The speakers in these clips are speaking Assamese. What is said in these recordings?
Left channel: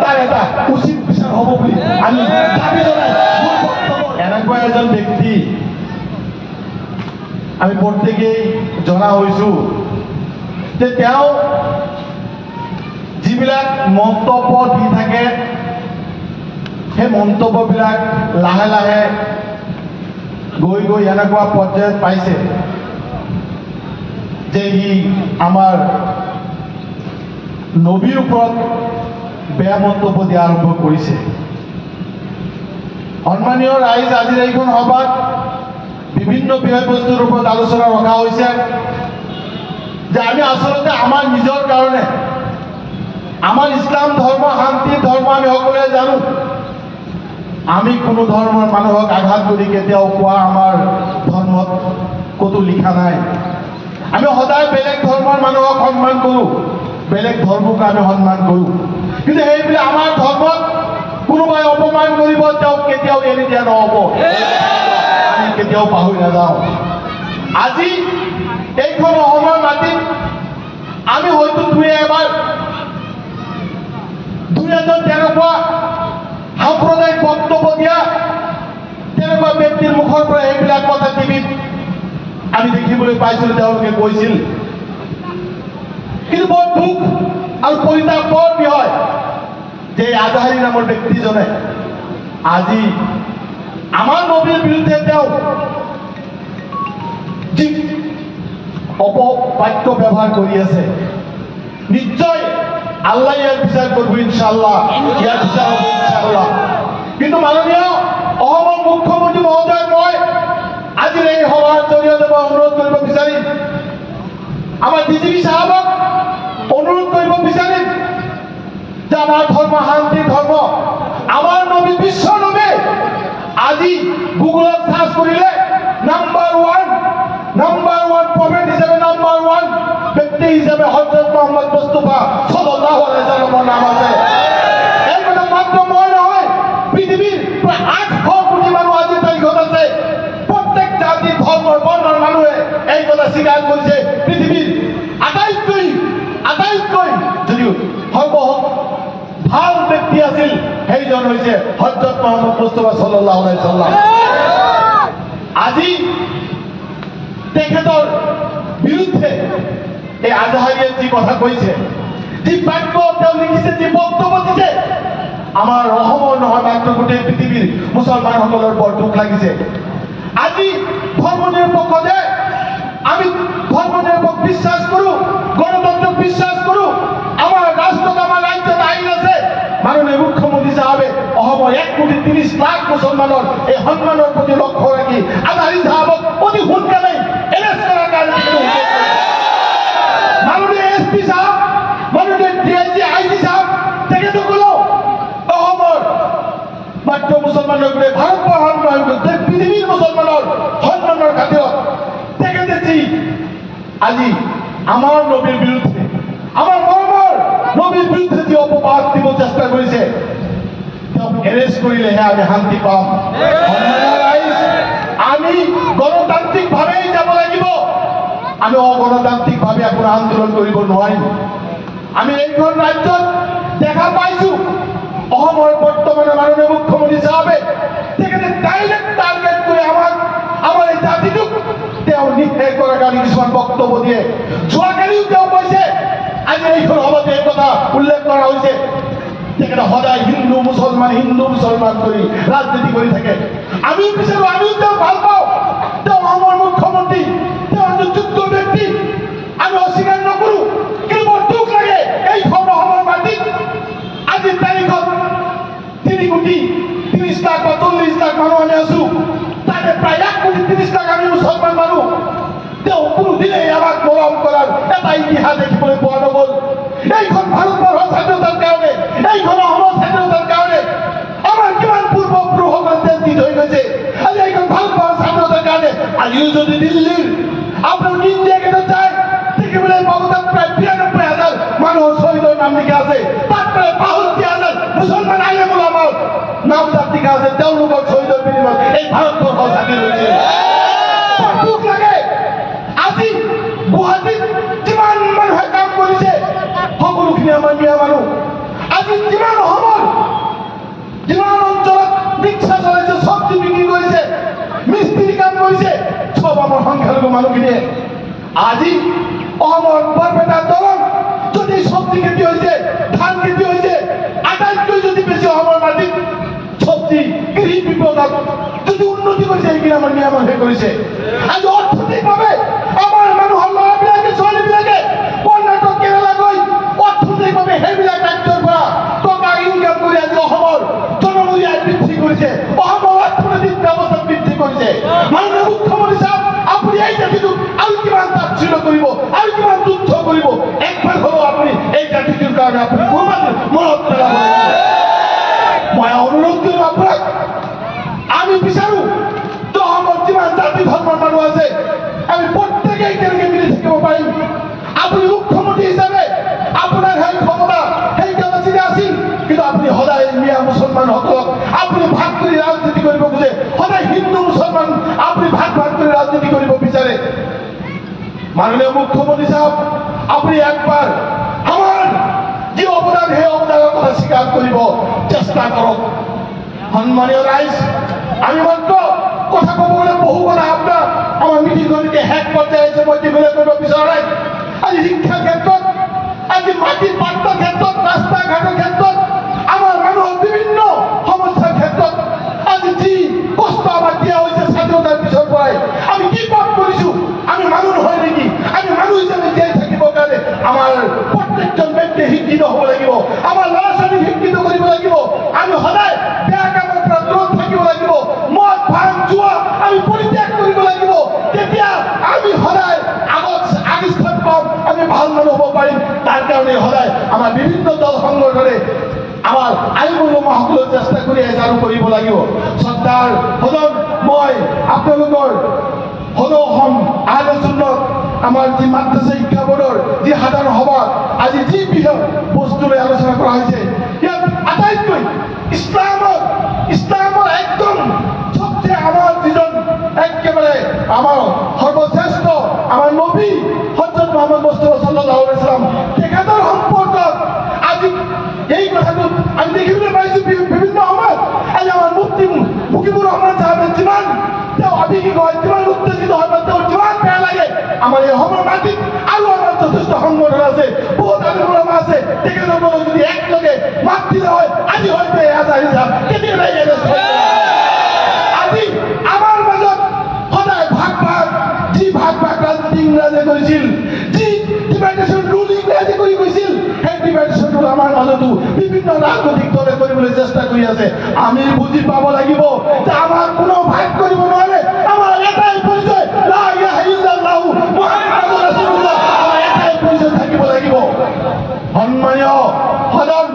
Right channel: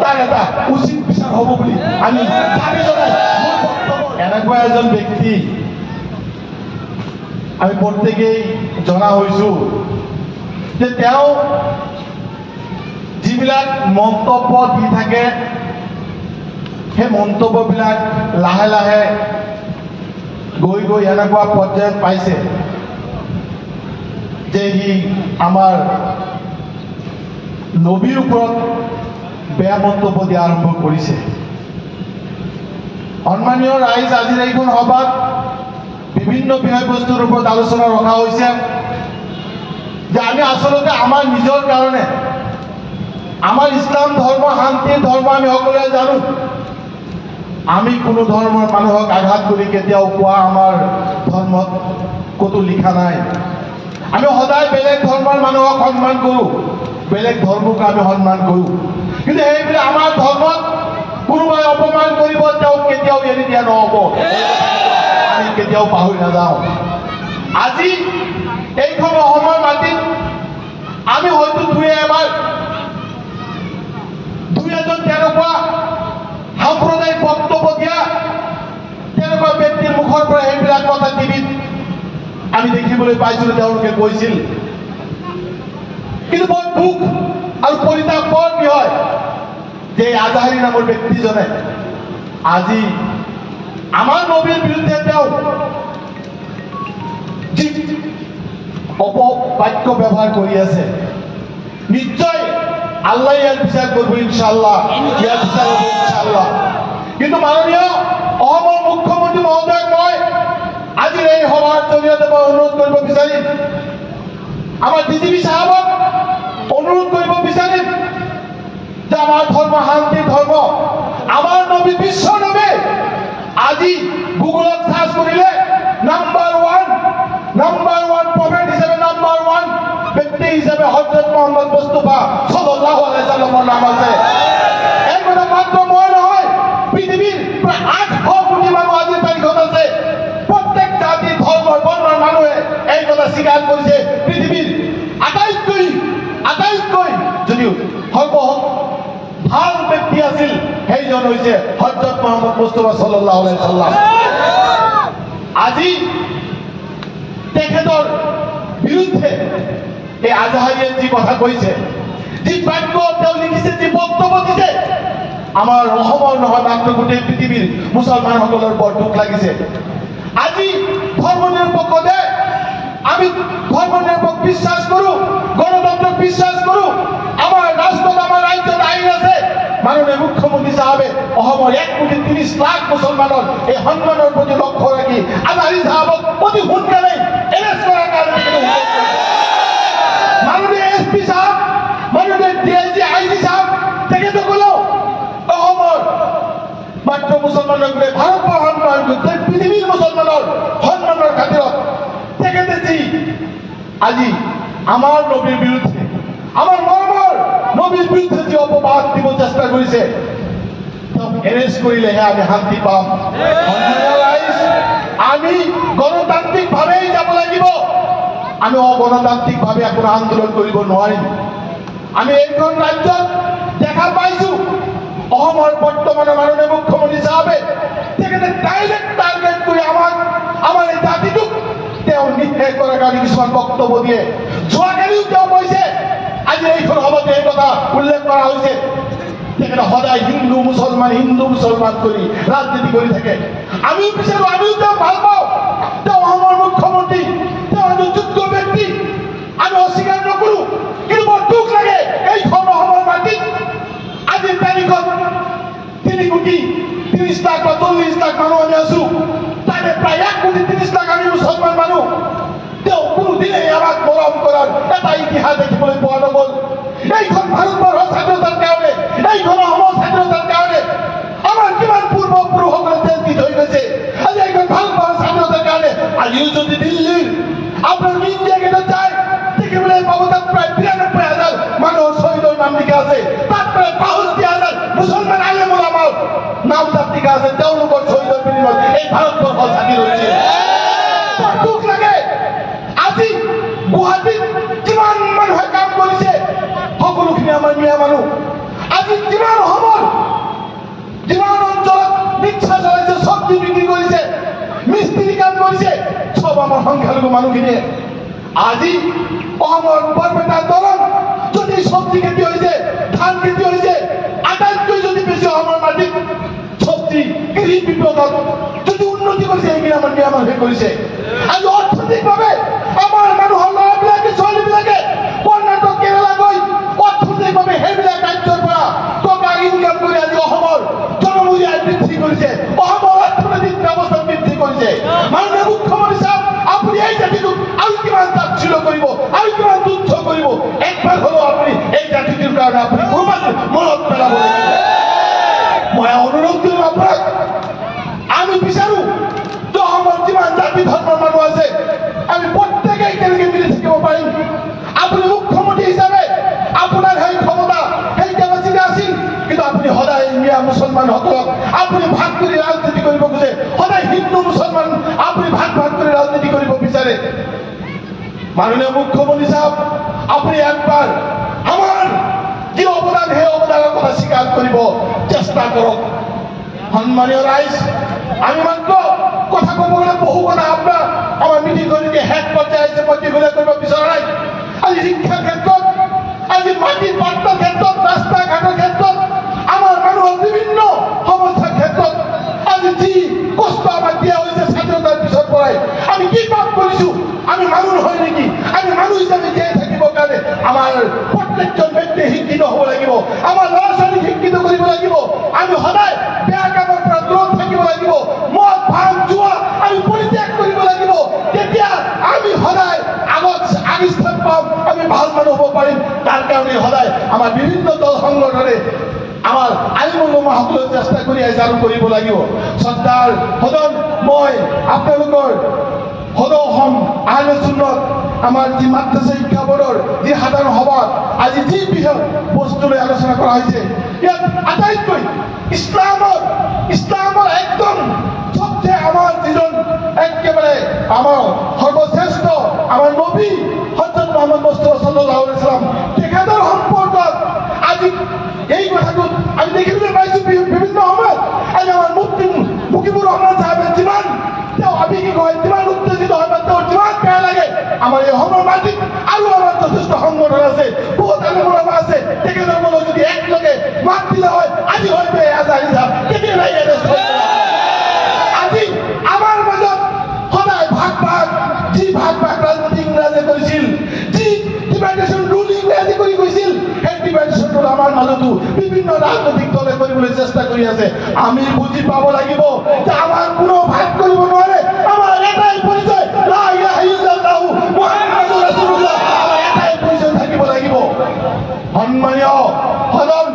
তাৰ এটা উচিত বিচাৰ হ'ব বুলি আমি দাবী জনাই এনেকুৱা এজন ব্যক্তি আমি প্ৰত্যেকেই জনা হৈছোঁ যে তেওঁ যিবিলাক মন্তব্য দি থাকে সেই মন্তব্যবিলাক লাহে লাহে গৈ গৈ এনেকুৱা পৰ্যায়ত পাইছে যে সি আমাৰ নবীৰ ওপৰত বেয়া মন্তব্য দিয়া আৰম্ভ কৰিছে। সন্মানীয় ৰাইজ, আজিৰ এইখন সভাত বিভিন্ন বিষয়বস্তুৰ ওপৰত আলোচনা ৰখা হৈছে যে আমি আচলতে আমাৰ নিজৰ কাৰণে আমাৰ ইছলাম ধৰ্ম শান্তিৰ ধৰ্ম আমি সকলোৱে জানো। আমি কোনো ধৰ্মৰ মানুহক আঘাত কৰি কেতিয়াও কোৱা আমাৰ ধৰ্মত ক'তো লিখা নাই। আমি সদায় বেলেগ ধৰ্মৰ মানুহক সন্মান কৰোঁ, বেলেগ ধৰ্মক আমি সন্মান কৰোঁ, কিন্তু সেইবিলাক আমাৰ ধৰ্মত কোনোবাই অপমান কৰিব তেওঁক কেতিয়াও এৰি দিয়া নহ'ব, আমি কেতিয়াও পাহৰি নাযাওঁ। আজি এইখন অসমৰ মাটিত আমি হয়তো দুই এজন তেনেকুৱা সাম্প্ৰদায়িক বক্তব্য দিয়া তেনেকুৱা ব্যক্তিৰ মুখৰ পৰা এইবিলাক কথা টিভিত আমি দেখিবলৈ পাইছিলোঁ, তেওঁলোকে কৈছিল। কিন্তু বৰ দুখ আৰু পৰিতাপৰ বিষয় যে আজহাৰী নামৰ ব্যক্তিজনে আজি আমাৰ নবীৰ বিৰুদ্ধে তেওঁ যি অপবাক্য ব্যৱহাৰ কৰি আছে, নিশ্চয় আল্লাহ ইয়াৰ বিচাৰ কৰিব ইনশাআল্লাহ, ইয়াৰ বিচাৰ হ'ব ইনশাআল্লাহ। কিন্তু মাননীয় অসমৰ মুখ্যমন্ত্ৰী মহোদয়, মই আজিৰ এই সভাৰ জৰিয়তে মই অনুৰোধ কৰিব বিচাৰিম, আমাৰ ডিজিপি সাহেবক অনুৰোধ কৰিব বিচাৰিম যে আমাৰ ধৰ্ম শান্তিৰ ধৰ্ম, আমাৰ নবী বিশ্ব নবী আজি গুগলত চাৰ্চ কৰিলে নাম্বাৰ ওৱান প্ৰফেট হিচাপে নাম্বাৰ ওৱান ব্যক্তি হিচাপে হযৰত মুহাম্মদ মুস্তাফা সাল্লাল্লাহু আলাইহি সাল্লামৰ নাম আছে। এই কথা মাত্ৰ মই নহয়, পৃথিৱীৰ প্ৰায় 800 কোটি মানুহ আজিৰ তাৰিখত আছে। প্ৰত্যেক জাতি ধৰ্মৰ বৰ্ণৰ মানুহে এই কথা স্বীকাৰ কৰিছে। পৃথিৱীৰ আটাইতকৈ যদিও ভাল ব্যক্তি আছিল সেইজন হৈছে হযৰত মুহাম্মদ মুস্তাফা সাল্লাল্লাহু আলাইহি সাল্লাম। আজি তেখেতৰ বিৰুদ্ধে এই আজহাৰীয়ে যি কথা কৈছে, যি বাক্য তেওঁ লিখিছে, যি বক্তব্য দিছে, আমাৰ অসমৰ নহয় মাত্ৰ গোটেই পৃথিৱীৰ মুছলমানসকলৰ বৰ দুখ লাগিছে। আজি ধৰ্ম নিৰপেক্ষ দেশ, আমি ধৰ্ম নিৰপেক্ষ বিশ্বাস কৰোঁ, গণতন্ত্ৰক বিশ্বাস কৰোঁ, আমাৰ ৰাষ্ট্ৰত আমাৰ ৰাজ্যত আইন আছে। মাননীয় মুখ্যমন্ত্ৰী সাহেবে অসমৰ 1,30,00,000 মুছলমানৰ এই সন্মানৰ প্ৰতি লক্ষ্য ৰাখি আজহাৰী সাহেবক অতি সোনকালে এৰেষ্ট কৰাৰ কাৰণে মাননীয় SP সাহেব, মাননীয় DIG IG সাহেব, তেখেতসকলেও অসমৰ মাত্ৰ মুছলমানক লৈ ভাৰতবৰ্ষৰ নহয় গোটেই পৃথিৱীৰ মুছলমানৰ সন্মানৰ খাতিৰত তেখেতে যি আজি আমাৰ নবীৰ বিৰুদ্ধে, আমাৰ মৰমৰ নবীৰ বিৰুদ্ধে যি অপবাদ দিব চেষ্টা কৰিছে, তেওঁক এৰেষ্ট কৰিলেহে আমি শান্তি পাম। আমি গণতান্ত্ৰিকভাৱেই যাব লাগিব, আমি অগণতান্ত্ৰিকভাৱে কোনো আন্দোলন কৰিব নোৱাৰিম। আমি এইখন ৰাজ্যত দেখা পাইছোঁ অসমৰ বৰ্তমানৰ মাননীয় মুখ্যমন্ত্ৰী সাহেবে তেখেতে ডাইৰেক্ট টাৰ্গেট কৰি আমাৰ এই জাতিটোক তেওঁ নিষেধ কৰাৰ কাৰণে কিছুমান বক্তব্য দিয়ে। যোৱাকালিও তেওঁ কৈছে, আজি এইখন সভাতে এই কথা উল্লেখ কৰা হৈছে, তেখেতে সদায় হিন্দু মুছলমান কৰি ৰাজনীতি কৰি থাকে। আমিও বিচাৰোঁ, আমিও তেওঁ ভাল পাওঁ, তেওঁ অসমৰ মুখ্যমন্ত্ৰী, তেওঁ এজন যোগ্য ব্যক্তি, আমি অস্বীকাৰ নকৰোঁ। কিন্তু বৰ দুখ লাগে এইখন অসমৰ মাটিত আজিৰ তাৰিখত 3,30,00,000 বা 40,00,000 মানুহ আমি আছোঁ, তাতে প্ৰায় 1,30,00,000 আমি মুছলমান মানুহ। তেওঁ কোনোদিনেই আমাক মৰম কৰাৰ এটা ইতিহাস দেখিবলৈ পোৱা নগ'ল। এইখন ভাৰতবৰ্ষৰ স্বাধীনতাৰ কাৰণে, এইখন অসমৰ স্বাধীনতাৰ কাৰণে আমাৰ কিমান পূৰ্বপুৰুষসকলে তেল দি থৈ গৈছে। আজি এইখন ভাৰতবৰ্ষৰ স্বাধীনতাৰ কাৰণে আজিও যদি দিল্লীৰ আপোনাৰ ইণ্ডিয়া গেটত যায় দেখিবলৈ পাব তাত প্ৰায় 93,000 মানুহৰ শ্বহীদৰ নাম লিখা আছে। তাত প্ৰায় 65,000 মুছলমান আলেম ওলামাৰ নাম তাত লিখা আছে। তেওঁলোকৰ শ্বহীদৰ বিনিময়ত এই ভাৰতবৰ্ষ স্বাধীন হৈছে। দুখ লাগে আজি গুৱাহাটীত যিমান মানুহে কাম কৰিছে সকলোখিনি আমাৰ মিয়া মানুহ। আজি যিমান সময় যিমান অঞ্চলত ৰিক্সা চলাইছে, চব্জি বিক্ৰী কৰিছে, মিস্ত্ৰী কাম কৰিছে, সব আমাৰ সংখ্যালঘু মানুহখিনিয়ে। আজি অসমৰ বৰপেটা দৰং যদি চব্জি খেতি হৈছে, ধান খেতি হৈছে, আটাইতকৈ যদি বেছি অসমৰ মাটিত চব্জি কৃষি বিভাগত যদি উন্নতি কৰিছে, সেইখিনি আমাৰ নিয়মে কৰিছে। আজি অৰ্থনৈতিকভাৱে আমাৰ মানুহৰ ল'ৰাবিলাকে ছোৱালীবিলাকে কৰ্ণাটক কেৰালা গৈ অৰ্থনৈতিকভাৱে সেইবিলাক ৰাজ্যৰ পৰা টকা ইনকাম কৰি আজি অসমৰ জনমূল্য বৃদ্ধি কৰিছে, অসমৰ অৰ্থনৈতিক ব্যৱস্থা বৃদ্ধি কৰিছে। মাননীয় মুখ্যমন্ত্ৰী সাহেব, আপুনি এই জাতিটোক আৰু কিমান তাচ্ছিল্য কৰিব, আৰু কিমান তুচ্ছ কৰিব, একবাৰ হ'লেও আপুনি এই জাতিটোৰ কাৰণে আপুনি মনত পেলাব লাগিব। মই অনুৰোধ কৰিম আপোনাক, আমি বিচাৰো যে অসমৰ যিমান জাতি ধৰ্মৰ মানুহ আছে আমি প্ৰত্যেকেই কেনেকৈ মিলি থাকিব পাৰিম। আপুনি মুখ্যমন্ত্ৰী হিচাপে আপোনাৰ সেই ক্ষমতা সেই কেপাচিটি আছিল, কিন্তু আপুনি সদায় মিয়া মুছলমানসকলক আপুনি ভাগ কৰি ৰাজনীতি কৰিব খোজে, সদায় হিন্দু মুছলমান আপুনি ভাগ কৰি ৰাজনীতি কৰিব বিচাৰে। মাননীয় মুখ্যমন্ত্ৰী সাহেব, আপুনি একবাৰ আমাৰ যি অৱদান সেই অৱদানৰ কথা স্বীকাৰ কৰিব চেষ্টা কৰক। সন্মানীয় ৰাইজ, আমি মাত্ৰ কথা ক'ব গ'লে বহু কথা আপোনাৰ আমাৰ মিটিংখনকে শেষ পৰ্যায়ে আহিছে, মই দীঘলীয়া কৰিব বিচৰা নাই। আজি শিক্ষাৰ ক্ষেত্ৰত, আজি মাটিৰ পাত্ৰৰ ক্ষেত্ৰত, ৰাস্তা ঘাটৰ ক্ষেত্ৰত, আমাৰ মানুহৰ বিভিন্ন সমস্যাৰ ক্ষেত্ৰত আজি যি কষ্ট আমাক দিয়া হৈছে স্বাধীনতাৰ পিছৰ পৰাই, আমি কি পাপ কৰিছো? আমি মানুহ নহয় নেকি? আমি মানুহ হিচাপে জীয়াই থাকিবৰ কাৰণে আমাৰ প্ৰত্যেকজন ব্যক্তিয়ে শিক্ষিত হ'ব লাগিব, আমাৰ ল'ৰা ছোৱালীক শিক্ষিত কৰিব লাগিব। আমি সদায় বেয়া কামৰ পৰা দূৰত থাকিব লাগিব, মদ ভাং জুৱা আমি পৰিত্যাগ কৰিব লাগিব। তেতিয়া আমি সদায় আগস্থান পাম, আমি ভাল মানুহ হ'ব পাৰিম। তাৰ কাৰণে সদায় আমাৰ বিভিন্ন দল সংগঠনে আমাৰ আইনমূলসকলেও চেষ্টা কৰি আহিছে আৰু কৰিব লাগিব। শ্ৰদ্ধাৰ সদন, মই আপোনালোকৰ সদৌ আহলে সুন্নত আমাৰ যি মাদ্ৰাছা শিক্ষা বোৰ্ডৰ যি সাধাৰণ সভা আজি যি বৃহৎ বস্তু লৈ আলোচনা কৰা হৈছে, ইয়াত আটাইতকৈ ইছলামৰ একদম সবচেয়ে আমাৰ যিজন একেবাৰে আমাৰ সৰ্বশ্ৰেষ্ঠ আমাৰ নবী হযৰত মুহাম্মদ মুস্তাফা সাল্লাল্লাহু আলাইহি ওয়াসাল্লাম তেখেতৰ সম্পৰ্কত আজি এই কথাটো আমি দেখিবলৈ পাইছো বিভিন্ন সময়ত। আজি আমাৰ মুফতি মুজিবুৰ ৰহমান সাহেবে যিমান তেওঁ আৱেগিক হয়, যিমান উত্তেজিত হয়, তেওঁ যিমান বেয়া লাগে, আমাৰ এই অসমৰ মাটিত আৰু আমাৰ যথেষ্ট সংগঠন আছে, বহুত আন্দোলন আছে, তেখেতৰ লগত যদি একেলগে মাত দিলে হয় আজি হয়তো আজি আমাৰ মাজত সদায় ভাগ যি ভাগ ৰাজনীতি ইংৰাজে কৰিছিল, যি ডিভাইডেশ্যন ৰুল ইংৰাজে কৰি গৈছিল, সেই ডিভাইডেশ্যন ৰুল আমাৰ মাজতো বিভিন্ন ৰাজনৈতিক দলে কৰিবলৈ চেষ্টা কৰি আছে। আমি বুজি পাব লাগিব যে আমাক কোনো ভাগ কৰিব নোৱাৰে। আমাৰ এটাই পৰিচয়, লা ইলাহা ইল্লাল্লাহু মুহাম্মাদুৰ ৰাসূলুল্লাহ, আমাৰ এটাই পৰিচয় থাকিব লাগিব। সন্মানীয় সদন,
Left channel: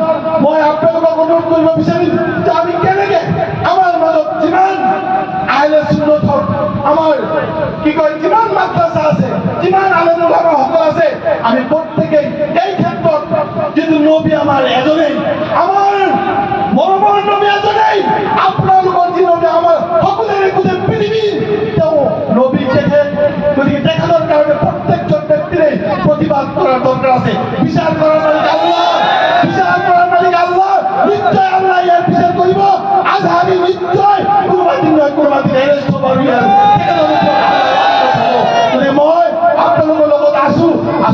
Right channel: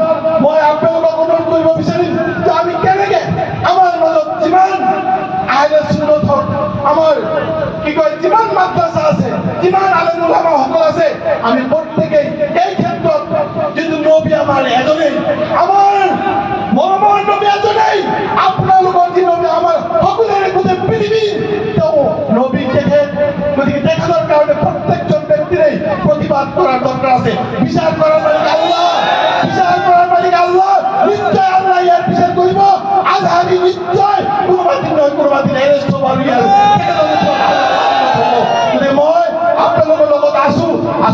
মই আপোনালোকক অনুৰোধ কৰিব বিচাৰিম যে আমি কেনেকে আমাৰ মাজত যিমান আহলে সুন্নতৰ আমাৰ কি কয় যিমান মাদ্ৰাছা আছে, যিমান আলেম ওলামা সকল আছে, আমি প্ৰত্যেকেই এই ক্ষেত্ৰত যিটো নবী আমাৰ এজনেই, আমাৰ মৰমৰ নবী এজনেই, আপোনালোকৰ যি নবী আমাৰ সকলোৰে গোটেই পৃথিৱীৰ তেওঁ নবী তেখেত, গতিকে তেখেতৰ কাৰণে প্ৰত্যেকজন ব্যক্তিৰে প্ৰতিবাদ কৰাৰ দৰকাৰ আছে। বিচাৰ কৰাৰ মালিক আল্লাহ, বিচাৰ কৰাৰ মালিক আল্লাহ, নিশ্চয় আল্লাহ ইয়াৰ বিচাৰ কৰিব। আজ আমি নিশ্চয় কোনোবা দিন নহয় কোনোবা দিন এৰেষ্ট হ'ব আৰু ইয়াৰ মই আপোনালোকৰ লগত আছো,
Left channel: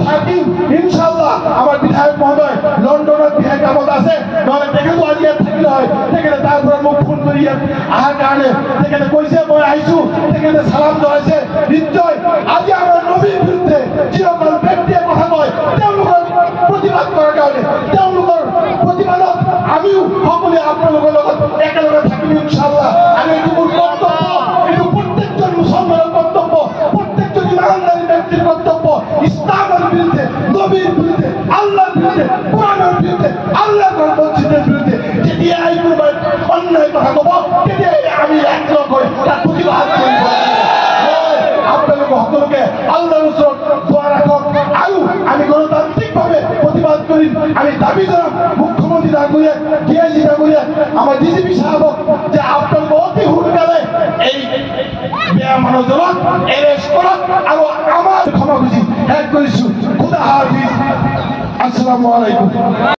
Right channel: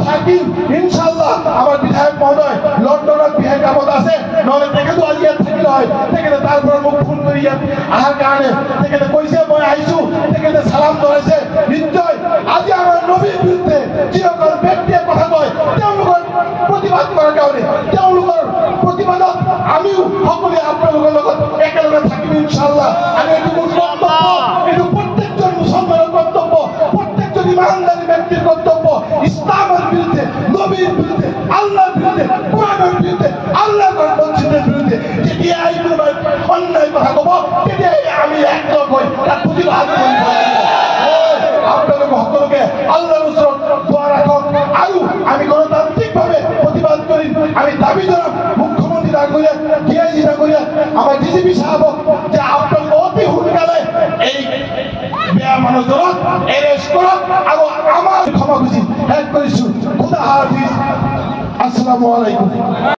থাকিম ইনশাআল্লাহ। আমাৰ বিধায়ক মহোদয় লণ্ডনত বিশেষ কামত আছে, নহ'লে তেখেতো আজি ইয়াত থাকিলে হয়। তেখেতে তাৰ পৰা মোক ফোন কৰি ইয়াত অহাৰ কাৰণে তেখেতে কৈছে মই আহিছো, তেখেতে চালাম জনাইছে। নিশ্চয় আজি আমাৰ নবীৰ বিৰুদ্ধে যিসকল ব্যক্তিয়ে কথা কয় তেওঁলোকৰ প্ৰতিবাদ কৰাৰ কাৰণে, তেওঁলোকৰ প্ৰতিবাদত আমিও সকলোৱে আপোনালোকৰ লগত একেলগে থাকিম ইনশাআল্লাহ। আৰু এইটো মোৰ কৰ্তব্য, এইটো প্ৰত্যেকজন মুছলমানৰ কৰ্তব্য, প্ৰত্যেকজন ইমানদাৰী ব্যক্তিৰ কৰ্তব্য। ইছলামৰ বিৰুদ্ধে, নবীৰ বিৰুদ্ধে, আল্লাহৰ বিৰুদ্ধে, কোরআনের বিরুদ্ধে, আল্লাহর মসজিদের বিরুদ্ধে যেতিয়া এই কোনোবাই অন্যায় কথা কব, তেতিয়াই আমি একলগ হৈ তাক প্ৰতিবাদ কৰিব। আপোনালোক সকলোকে আল্লাহৰ ওচৰত দোৱা ৰাখক আৰু আমি গণতান্ত্ৰিকভাৱে প্ৰতিবাদ কৰিম। আমি দাবী জনাম মুখ্যমন্ত্ৰী ডাঙৰীয়া, ডিআইজি ডাঙৰীয়া, আমাৰ ডিজিপি সাহেবক যে আপোনালোকে অতি সোনকালে এই বেয়া মানুহজনক এৰেষ্ট কৰক আৰু আমাৰ ক্ষমা খুজি শেষ কৰিছো। খুদা হাফিজ, আসসালামু আলাইকুম।